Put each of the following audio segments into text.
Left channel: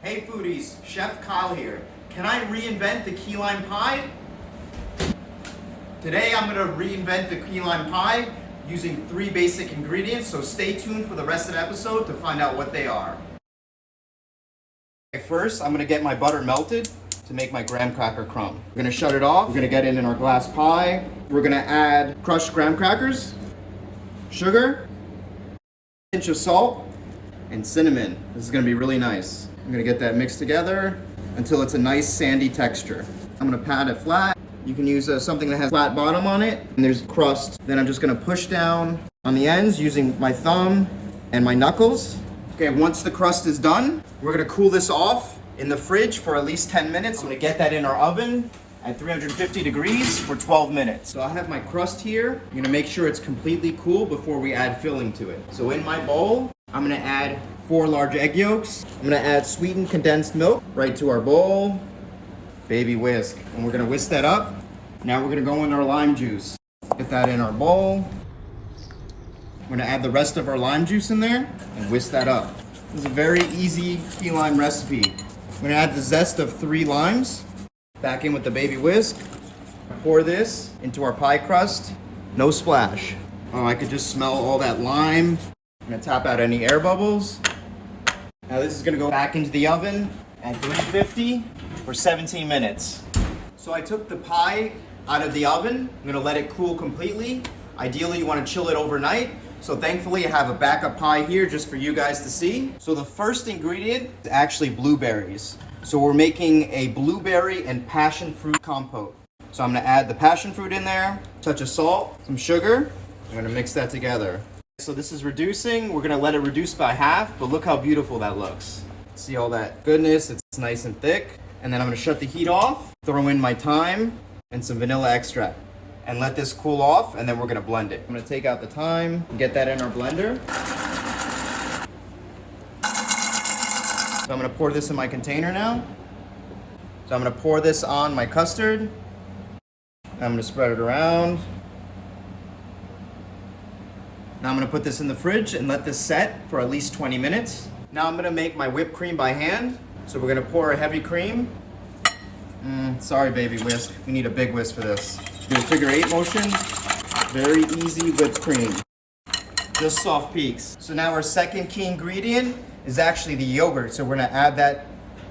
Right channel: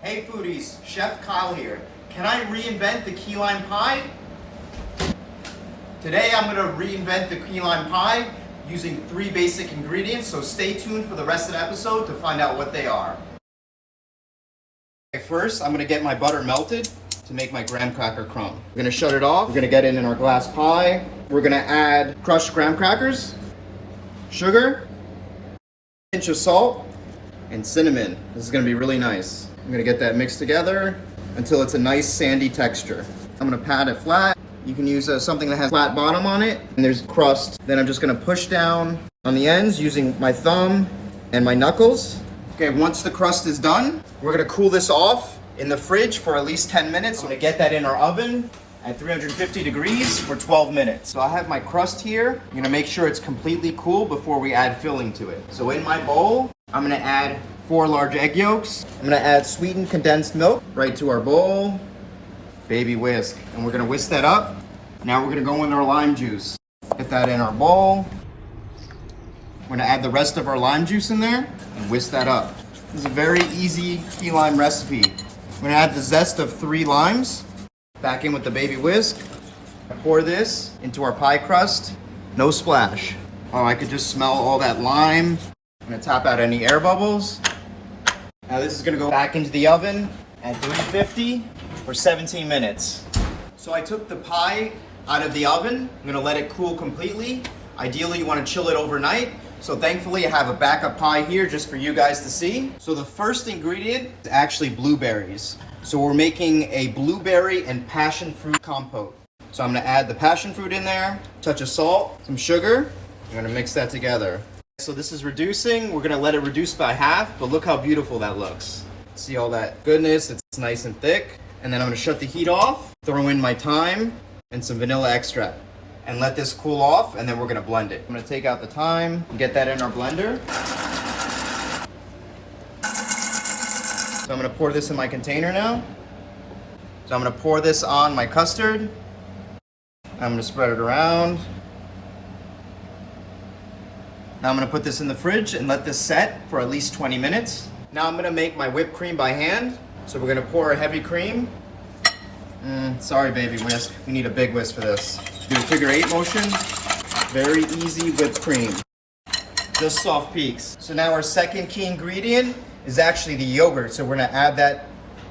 Hey foodies, Chef Kyle here. Can I reinvent the key lime pie? Today I'm gonna reinvent the key lime pie using 3 basic ingredients, so stay tuned for the rest of the episode to find out what they are. First, I'm gonna get my butter melted to make my graham cracker crumb. We're gonna shut it off. We're gonna get it in our glass pie. We're gonna add crushed graham crackers, sugar, a pinch of salt, and cinnamon. This is gonna be really nice. I'm gonna get that mixed together until it's a nice sandy texture. I'm gonna pat it flat. You can use something that has flat bottom on it, and there's crust. Then I'm just gonna push down on the ends using my thumb and my knuckles. Okay, once the crust is done, we're gonna cool this off in the fridge for at least 10 minutes. I'm gonna get that in our oven at 350 degrees for 12 minutes. So I have my crust here. I'm gonna make sure it's completely cool before we add filling to it. So in my bowl, I'm gonna add 4 large egg yolks. I'm gonna add sweetened condensed milk right to our bowl. Baby whisk, and we're gonna whisk that up. Now we're gonna go in our lime juice. Get that in our bowl. We're gonna add the rest of our lime juice in there and whisk that up. This is a very easy key lime recipe. I'm gonna add the zest of 3 limes. Back in with the baby whisk. Pour this into our pie crust. No splash. Oh, I could just smell all that lime. I'm gonna tap out any air bubbles. Now this is gonna go back into the oven at 350 for 17 minutes. So I took the pie out of the oven. I'm gonna let it cool completely. Ideally, you wanna chill it overnight. So thankfully, I have a backup pie here just for you guys to see. So the first ingredient is actually blueberries. So we're making a blueberry and passion fruit compote. So I'm gonna add the passion fruit in there, touch of salt, some sugar. I'm gonna mix that together. So this is reducing. We're gonna let it reduce by half, but look how beautiful that looks. See all that goodness, it's nice and thick. And then I'm gonna shut the heat off, throw in my thyme and some vanilla extract and let this cool off, and then we're gonna blend it. I'm gonna take out the thyme, get that in our blender. So I'm gonna pour this in my container now. So I'm gonna pour this on my custard. I'm gonna spread it around. Now I'm gonna put this in the fridge and let this set for at least 20 minutes. Now I'm gonna make my whipped cream by hand. So we're gonna pour a heavy cream. Sorry, baby whisk. We need a big whisk for this. Do a figure 8 motion. Very easy whipped cream. Just soft peaks. So now our second key ingredient is actually the yogurt. So we're gonna add that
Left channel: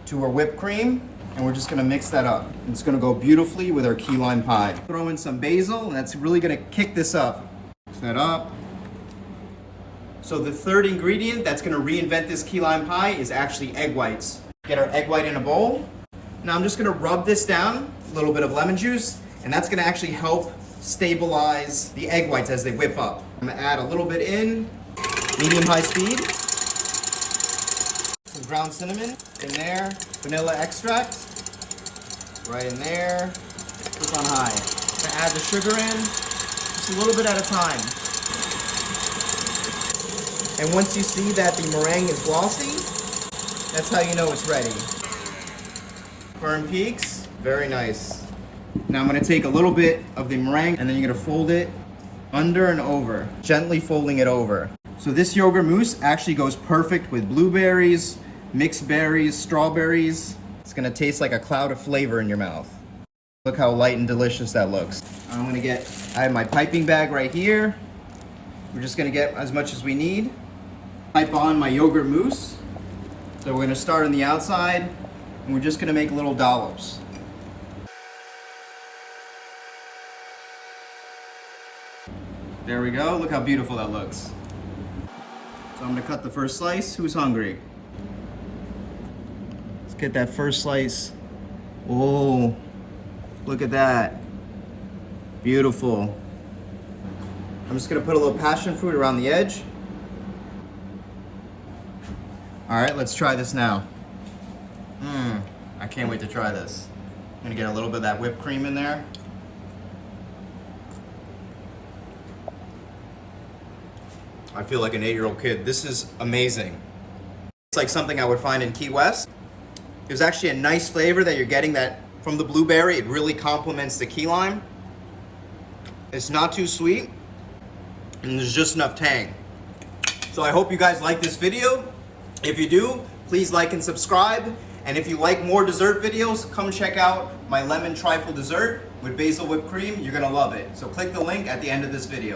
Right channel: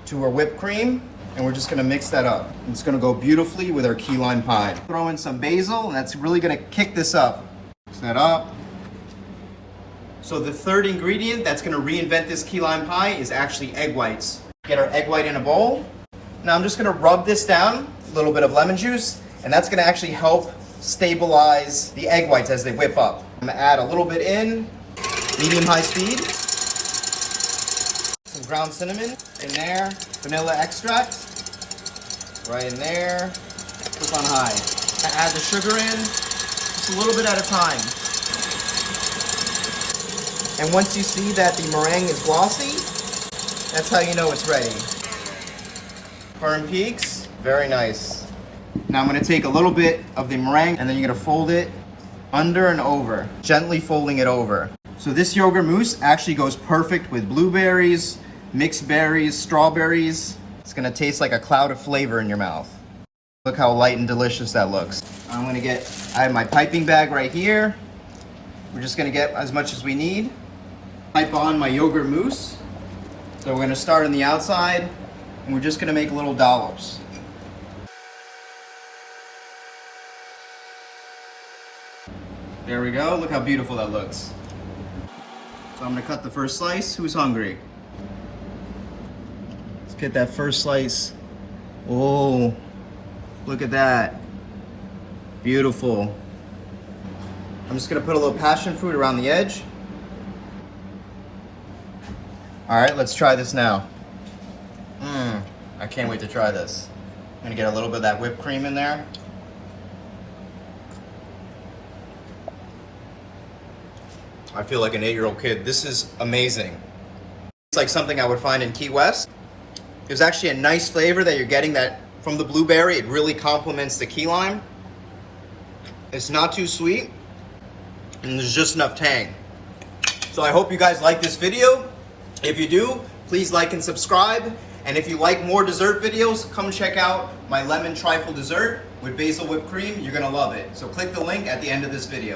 to our whipped cream, and we're just gonna mix that up. It's gonna go beautifully with our key lime pie. Throw in some basil, and that's really gonna kick this up. Mix that up. So the third ingredient that's gonna reinvent this key lime pie is actually egg whites. Get our egg white in a bowl. Now I'm just gonna rub this down, a little bit of lemon juice, and that's gonna actually help stabilize the egg whites as they whip up. I'm gonna add a little bit in, medium-high speed. Some ground cinnamon in there, vanilla extract, right in there, flip on high. I add the sugar in, just a little bit at a time. And once you see that the meringue is glossy, that's how you know it's ready. Firm peaks, very nice. Now I'm gonna take a little bit of the meringue and then you're gonna fold it under and over, gently folding it over. So this yogurt mousse actually goes perfect with blueberries, mixed berries, strawberries. It's gonna taste like a cloud of flavor in your mouth. Look how light and delicious that looks. I'm gonna I have my piping bag right here. We're just gonna get as much as we need. Pipe on my yogurt mousse. So we're gonna start on the outside, and we're just gonna make little dollops. There we go, look how beautiful that looks. So I'm gonna cut the first slice. Who's hungry? Let's get that first slice. Oh, look at that. Beautiful. I'm just gonna put a little passion fruit around the edge. All right, let's try this now. I can't wait to try this. I'm gonna get a little bit of that whipped cream in there. I feel like an 8-year-old kid. This is amazing. It's like something I would find in Key West. There's actually a nice flavor that you're getting that from the blueberry. It really complements the key lime. It's not too sweet, and there's just enough tang. So I hope you guys like this video. If you do, Please like and subscribe. And if you like more dessert videos, come check out my lemon trifle dessert with basil whipped cream. You're gonna love it. So click the link at the end of this video.